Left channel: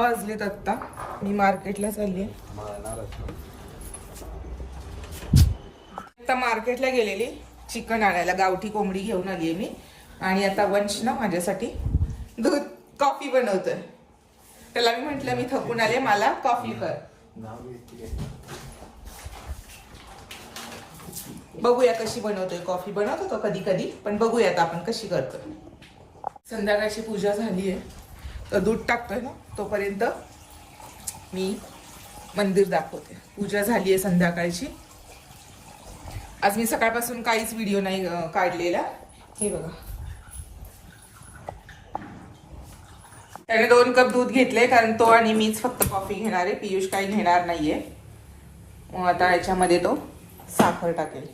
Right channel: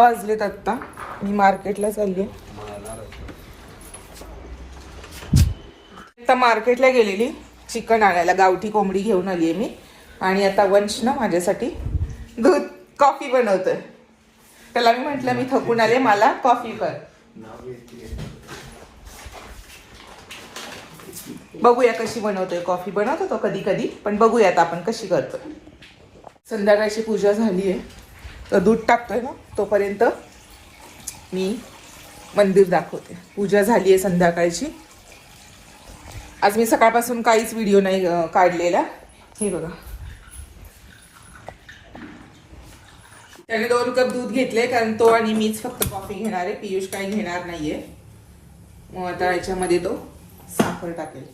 वाजलेत आत्ता. मी मार्केटला चालली आहे. आता मार्केटला गेलेली चिकन आणायला, गावठी कोंबडी घेऊन आली आहे मी. आणि आता वंश ना माझ्यासाठी दूध कॉफी बनवतोय. त्याला मी म्हटलं मी थकून आले, मला कॉफी कर. बघूया कशी बनवतोय कॉफी. बनवतो तो कधी कधी, पण बघूयात आपण कशी करतो. संध्याकाळची पूजा झाली आहे तर दूध टाकतोय ना, तोपर्यंत मी मंदिर दाखवते. पूजा झाली आहे संध्याकाळची. आज मी सकाळपासून काहीच व्हिडिओ नाही काढलेला. हे बघा, त्याने 2 कप दूध घेतले कारण तो आणि मीच फक्त कॉफी घेणार आहे. पियुष काही घेणार नाहीये. मग आता याच्यामध्ये तो साखर टाकेल.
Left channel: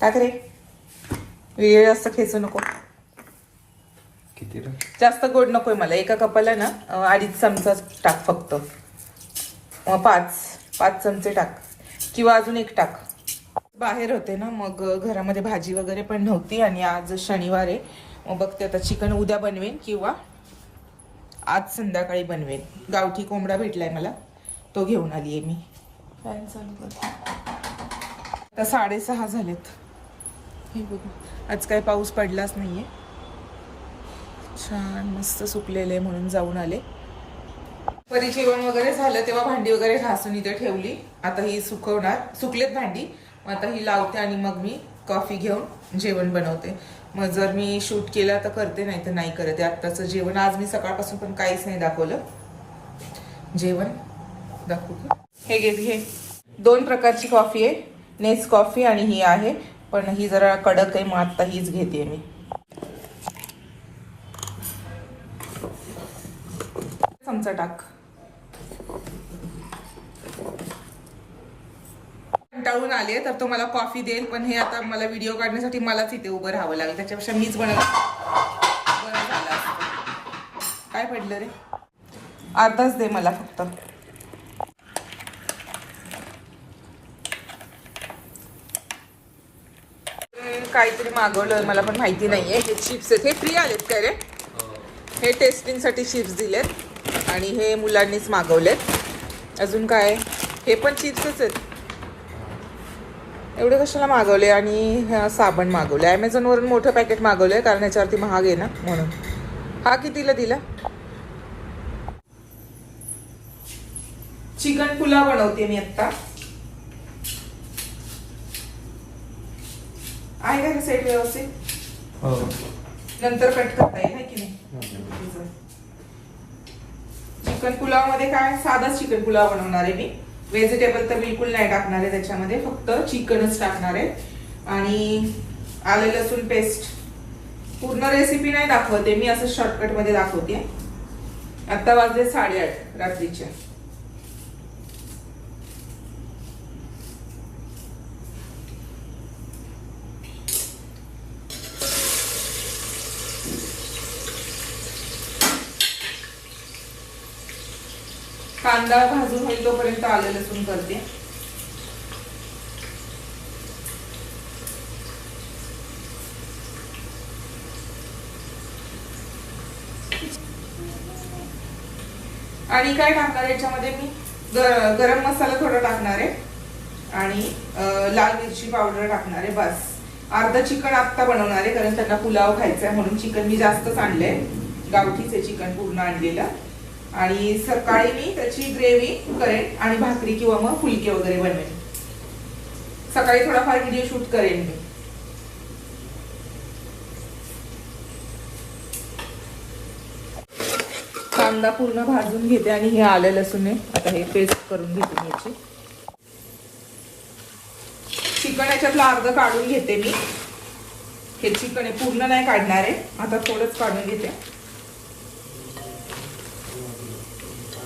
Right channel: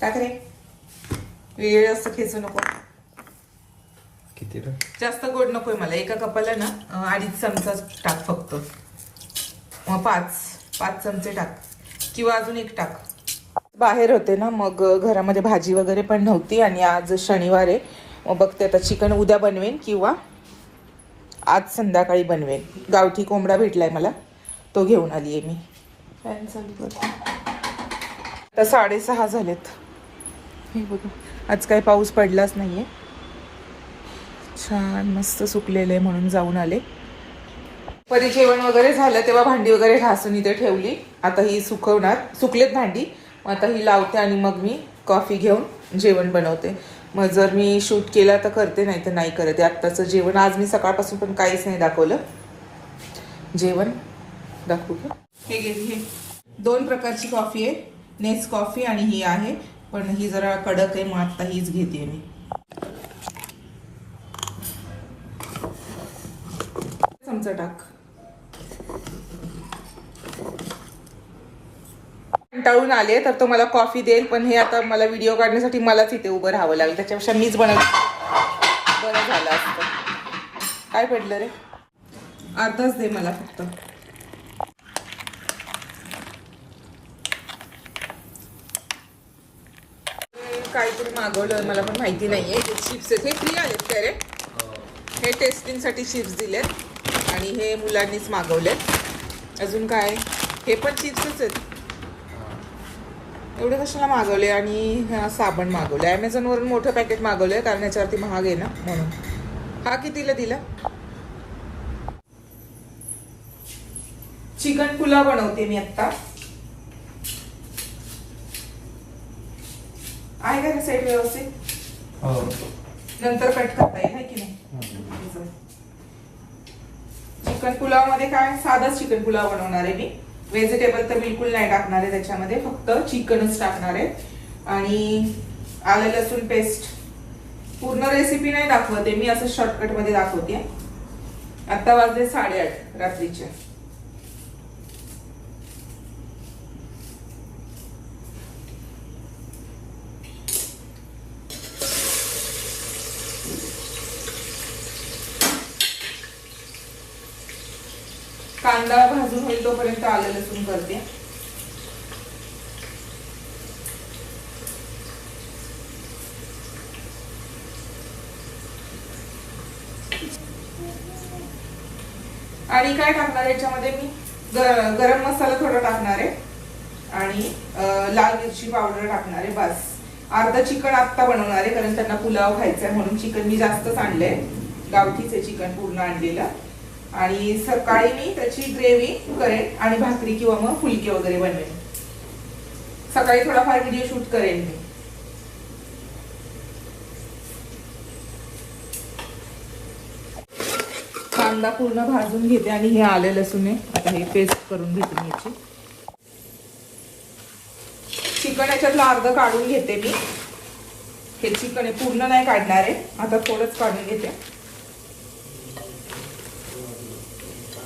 टाक रे, वेळ जास्त खेचू नको. किती जास्त गोड नकोय मला. एका कपाला ना 2.5 चमचा टाक फक्त. मग 5 चमचे टाक, किंवा अजून 1 टाक. बाहेर होते ना, मग घरामध्ये भाजी वगैरे पण नव्हती. आणि आज शनिवार आहे. मग बघते आता चिकन उद्या बनवेन किंवा आज संध्याकाळी बनवेन. गावठी कोंबडा भेटलाय मला, तो घेऊन आली आहे मी. फॅन चालू करते. आता 6:30 झालेत. हे बघा, आज काही पाऊस पडलाच नाहीये. छान मस्त सुकलेले म्हणून जाऊन आले. परी जेवण वगैरे झालं तेव्हा भांडी वगैरे घासून इथे ठेवली. आता ही सुकवणार. सुकलेत भांडी. आता ही लावते आणि मग मी कॉफी घेऊन जेवण बनवते. मग जर मी शूट केला तर करते, नाही तर नाही करत. आत्ताचं जेवण आज मी सकाळपासून पण काहीच नाही दाखवलं. जेवण दाखवू का? हे घे. हे 2 प्रकारची कॉफी आहे, नेस कॉफी आणि ही आहे, पण ही जरा कडक आहे. मग आता हीच घेते मी. चमचा टाक. कंटाळून आले तर तो मला कॉफी देईल, पण हे आता मला व्हिडिओ काढण्यासाठी मलाच इथे उभं राहावं लागलं. त्याच्यापेक्षा मीच बरं झालं असतं. काय पडलं रे? अर्धाच दे मला फक्त. काहीतरी मागवलं, मला पण माहिती नाहीये. हे चिप्स आहेत. हे फ्री आलेत काय रे? हे टेस्टिंगसाठी चिप्स दिलेत आणि हे मुलांनीच मागवलेत. अजून काय? हे पण चिप्सच आहेत. एवढे कशाला मागवले? आणि हा साबण मागवले. ॲमेझॉनवरून मोठं पॅकेट मागवलंय कारण ह्याच्यावरती महाग आहे ना म्हणून. हा कितीला दिला? चिकन पुलाव बनवते मी आत्ता. आहे का सेट व्यवस्थित? नंतर कट करता येईल है की नाही? चिकन पुलाव मध्ये काय, साधाच चिकन पुलाव बनवणार आहे मी. व्हेजिटेबल तर बिलकुल नाही टाकणार आहे त्याच्यामध्ये, फक्त चिकनच टाकणार आहे. आणि आलं लसूण पेस्ट. पूर्ण रेसिपी नाही दाखवते मी, असं शॉर्टकट मध्ये दाखवते. आता वाजले 8:30 रात्रीचे. कांदा भाजून होईल तोपर्यंत आलं लसूण करते. आणि काय टाकणार याच्यामध्ये मी? गरम मसाला थोडा टाकणार आहे आणि लाल मिरची पावडर टाकणार आहे. बस. अर्धा चिकन आत्ता बनवणार आहे कारण त्यांना पुलाव खायचा आहे म्हणून. चिकन मी जास्तच आणलंय, गावठीच आहे चिकन पूर्ण आणलेलं. आणि सकाळी मी त्याची ग्रेव्ही करेन आणि भाकरी किंवा मग फुलके वगैरे बनवेन. सकाळी थोडाफार व्हिडिओ शूट करेन मी. कांदा पूर्ण भाजून घेते आणि हे आलं लसूण आहे. आता हे पेस्ट करून घेते याची. चिकन याच्यातलं अर्ध काढून घेते मी. हे चिकन आहे, पूर्ण नाही काढणार आहे. आता थोडंच काढून घेते.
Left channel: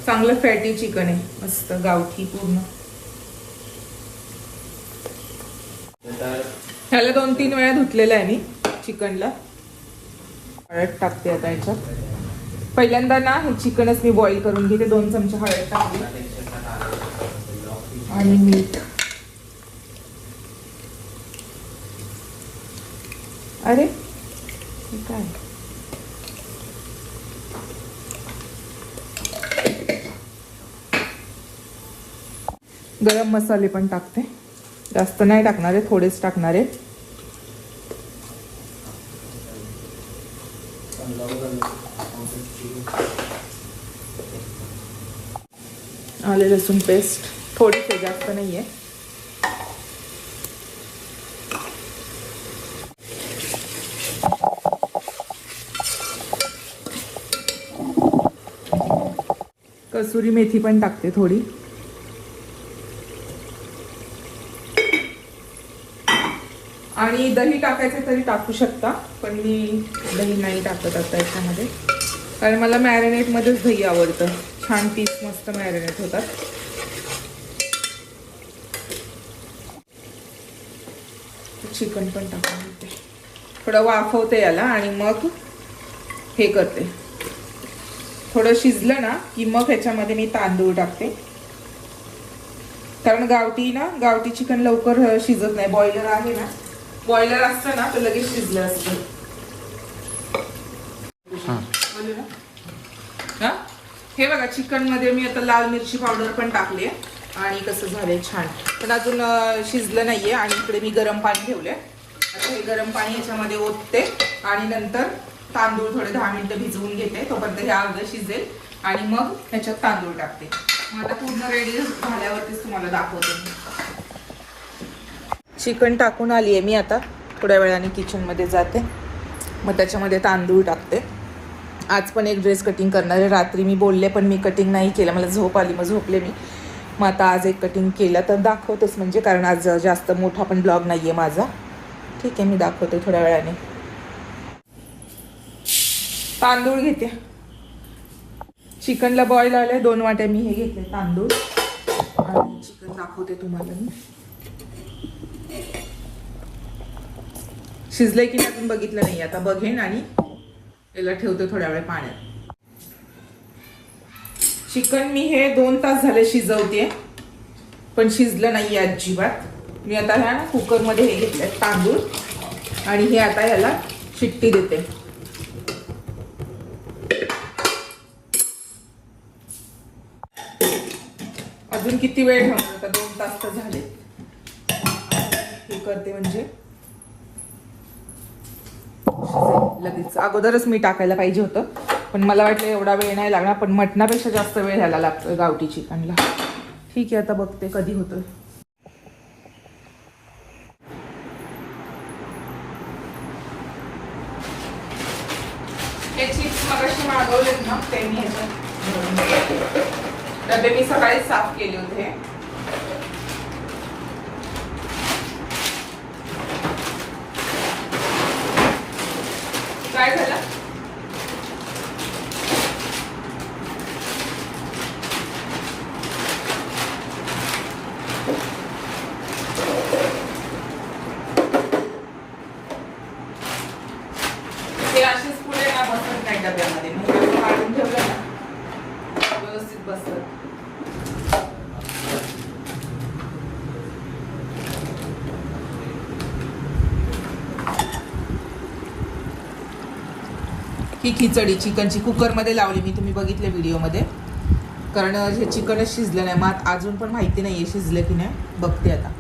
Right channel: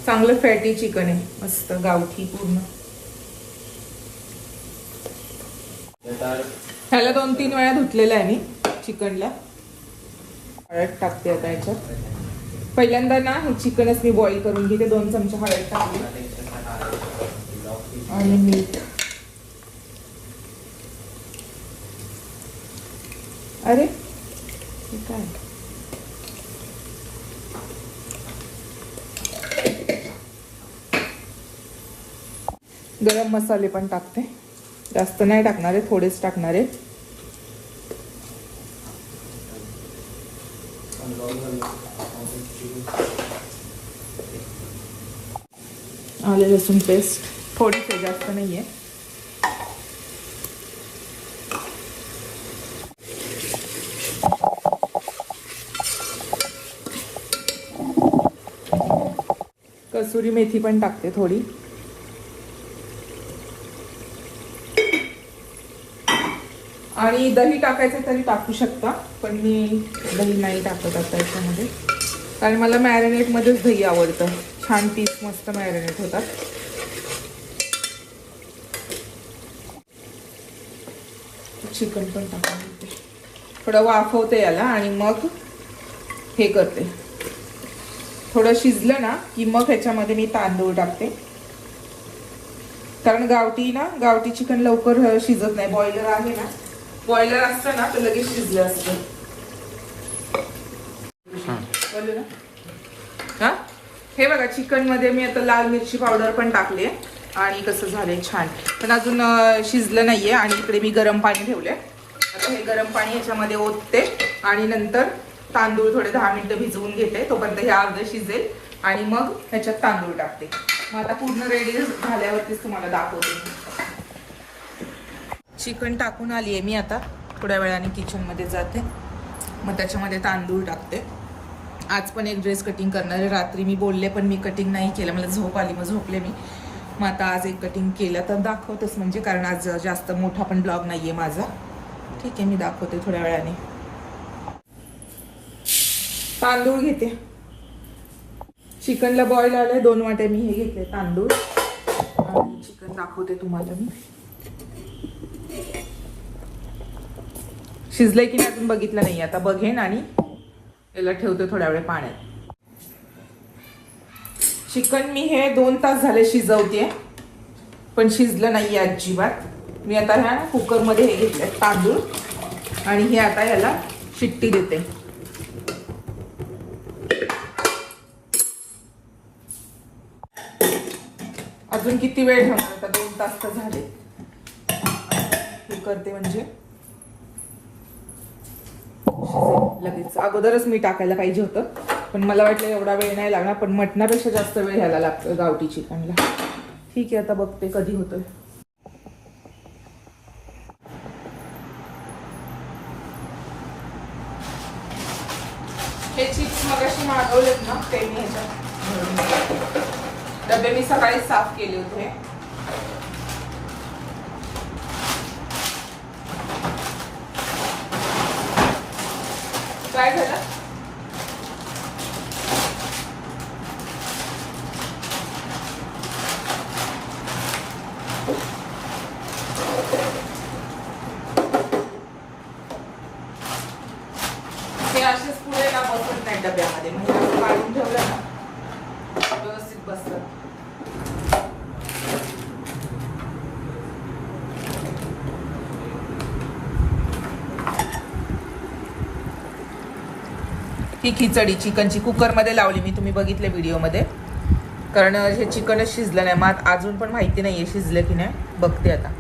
चांगलं फॅटी चिकन आहे, मस्त गावठी पूर्ण. ह्याला 2-3 वेळा धुतलेलं आहे मी चिकनला. हळद टाकते आता याच्यात. पहिल्यांदा ना हे चिकनच मी बॉईल करून घेते. 2 चमचे हळद टाकली आणि मीठ. अरे हे काय? गरम मसाले पण टाकते, जास्त नाही टाकणार आहे, थोडेच टाकणार आहे. आले लसूण पेस्ट थोडीशी, जास्त नाहीये. कसुरी मेथी पण टाकते थोडी. आणि दही टाकायचं तरी टाकू शकता, पण मी दही नाही टाकत आता याच्यामध्ये, कारण मला मॅरिनेट मध्येच दही आवडतं. छान पीस मस्त मॅरिनेट होतात. चिकन पण टाकून देते, थोडं वाफवते याला आणि मग हे करते. थोडं शिजलं ना की मग ह्याच्यामध्ये मी तांदूळ टाकते, कारण गावठी चिकन लवकर शिजत नाही. बॉयलर आहे ना, बॉयलर असतं ना तर लगेच शिजलं असतं. हा, हे बघा चिकन मध्ये मी आता लाल मिरची पावडर पण टाकले आणि कसं झालंय छान, पण अजून शिजलं नाहीये. आणि इकडे मी गरम पाणी ठेवले, हे गरम पाणी याच्यामध्ये ओतते आणि नंतर तांदूळ थोडे 10 मिनिटं भिजवून घेते, तोपर्यंत हे अर्ध शिजेल आणि मग ह्याच्यात तांदूळ टाकते. मग आता पूर्ण रेडी झाल्यावरतीच तुम्हाला दाखवते. चिकन टाकून आली आहे मी, आता थोड्या वेळाने किचनमध्ये जाते, मग त्याच्यामध्ये तांदूळ टाकते. आज पण एक ड्रेस कटिंग करणार आहे. रात्री मी बोलले पण मी कटिंग नाही केलं, मला झोप आली, मग झोपले मी. मग आता आज एक कटिंग केलं तर दाखवतेच, म्हणजे कारण आज जास्त मोठा पण ब्लॉग नाही आहे माझा. ठीक आहे, मी दाखवते थोड्या वेळाने. तांदूळ घेते, चिकनला बॉईल आले 2 वाटे मी हे घेतले तांदूळ, आणि चिकन दाखवते तुम्हाला मी. शिजलंय की अजून बघितलं नाही, आता बघेन आणि याला ठेवते थोड्या वेळ पाण्यात. चिकन मी हे 2 तास झाले शिजवते, पण शिजलं नाहीये अजिबात. मी आता ह्या कुकरमध्ये हे घेतले तांदूळ आणि हे आता याला शिट्टी देते. अजून किती वेळ ठेवणार, आता 2 तास तर झाले. हे करते म्हणजे लगेच. अगोदरच मी टाकायला पाहिजे होतं, पण मला वाटलं एवढा वेळ नाही लागणार, पण मटणापेक्षा जास्त वेळ ह्याला लागतो गावठी चिकनला. ठीक आहे, आता बघते कधी होतं. हे चिप्स मगाशी मागवलेत ना, ते मी ह्याच्यात डबे मी सकाळी साफ केले होते. काय झालं, हे असेच पुढे ना बसत नाही डब्यामध्ये, मग काढून ठेवलं ना व्यवस्थित बसतात. ही खिचडी चिकनची कुकरमध्ये लावली मी, तुम्ही बघितले व्हिडिओमध्ये, कारण हे चिकनच शिजलं नाही. मग अजून पण माहिती नाहीये शिजलं की नाही, बघते आता.